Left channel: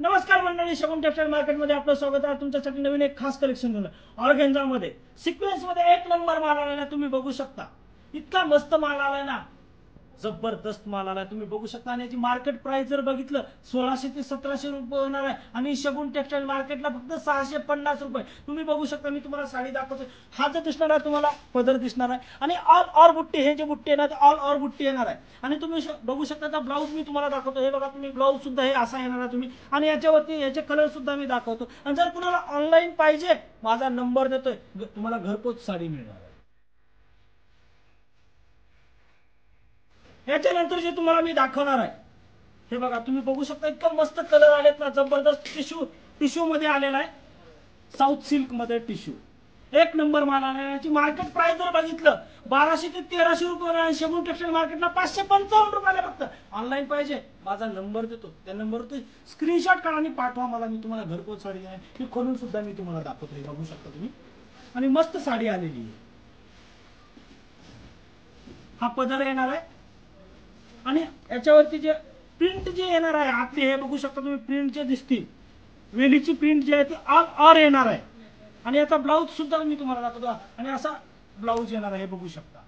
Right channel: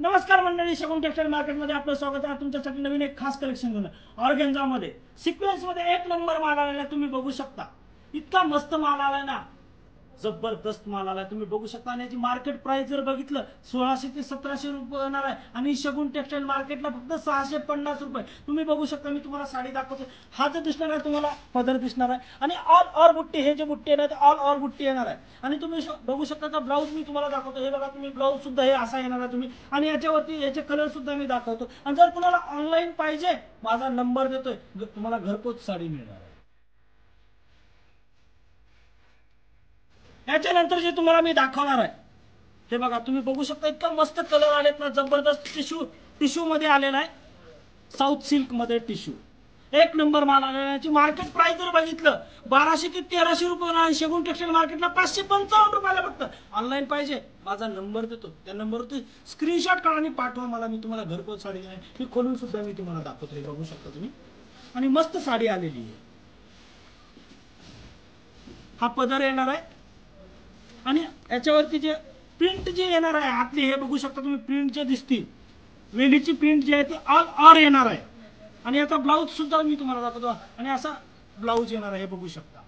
नमस्कार मंडळी, शगुन टेक्सटाईल मार्केटमध्ये आपलं स्वागत आहे. तुमच्यासाठी नवीन एक खास कलेक्शन झालं ऑर्गेन्झा मध्ये सिक्वेन्स मध्ये एक नंबर माल आलेला तुम्ही बघू शकता. इतका मस्त माल आलाय ना, जबरदस्त माल आलाय तुम्ही बघू शकता. आणि याची मार्केट प्राइस जर बघितलं 1600 ते 1700 रुपये होणार आहे आणि शगुन टेक्सटाईल मार्केटला फक्त 650 रुपये. तुम्ही बघू शकता, मी तुम्हाला साडी दाखवतो. हा जो दिसणार आहे तुम्हाला पदर दिसणार आहे आणि ऑल ओव्हर बुट्टी, हे जे बुट्टी येणार ऑल ओव्हर बुट्टी येणार आहे. आणि तुम्ही बघू शकता ब्लाऊज मी तुम्हाला दाखवतो. हे बघा, तुम्ही ब्लाऊज सुद्धा हे असा येणार आहे तुम्ही. आणि याच्यावरती याचे कलर सुद्धा मी दाखवतो. आणि जर तुम्हाला ऑनलाईन पाहिजे, माझा नंबर देतोय, तुम्हाला घरपोच साडी मिळणार आहे. याच्यानंतर जे तुम्हाला मी दाखवणार आहे, हे बघा तुम्ही बघू शकता. इतका मस्त कलर आलेत ना, जबरदस्त टिश्यू मध्ये आलेला आहे. साऊथ सिल्क मध्ये टिश्यू, एक नंबर माल आलेला आहे. याची मार्केट प्राइस जर बघितलं 1200 ते 1300 रुपये आणि शगुन टेक्सटाईल मार्केटला 555 रुपयाला फक्त. ऑनलाईन पाहिजे, माझा नंबर देतो, त्या नंबरवरती स्क्रीनशॉट काढा आणि पाठवा मला. मी तुम्हाला घरपोच साडी देईन. मी खोलून सुद्धा मी तुम्हाला दाखवतो. हे बघू शकता तुम्ही. आणि मस्त साडी आलेली आहे. हा पदर येणार आहे आणि याच्यावरती जे प्रिंट जे येणार आहे आतली, हे बघू शकता तुम्ही. प्रिंट जे दिसतील, वेलीची प्रिंट जी आहे ती ऑल ओव्हर येणार आहे. आणि याचा ब्लाऊज सुद्धा मी तुम्हाला दाखवतो. आणि असा ब्लाऊज येणार आहे, हे बघू शकता.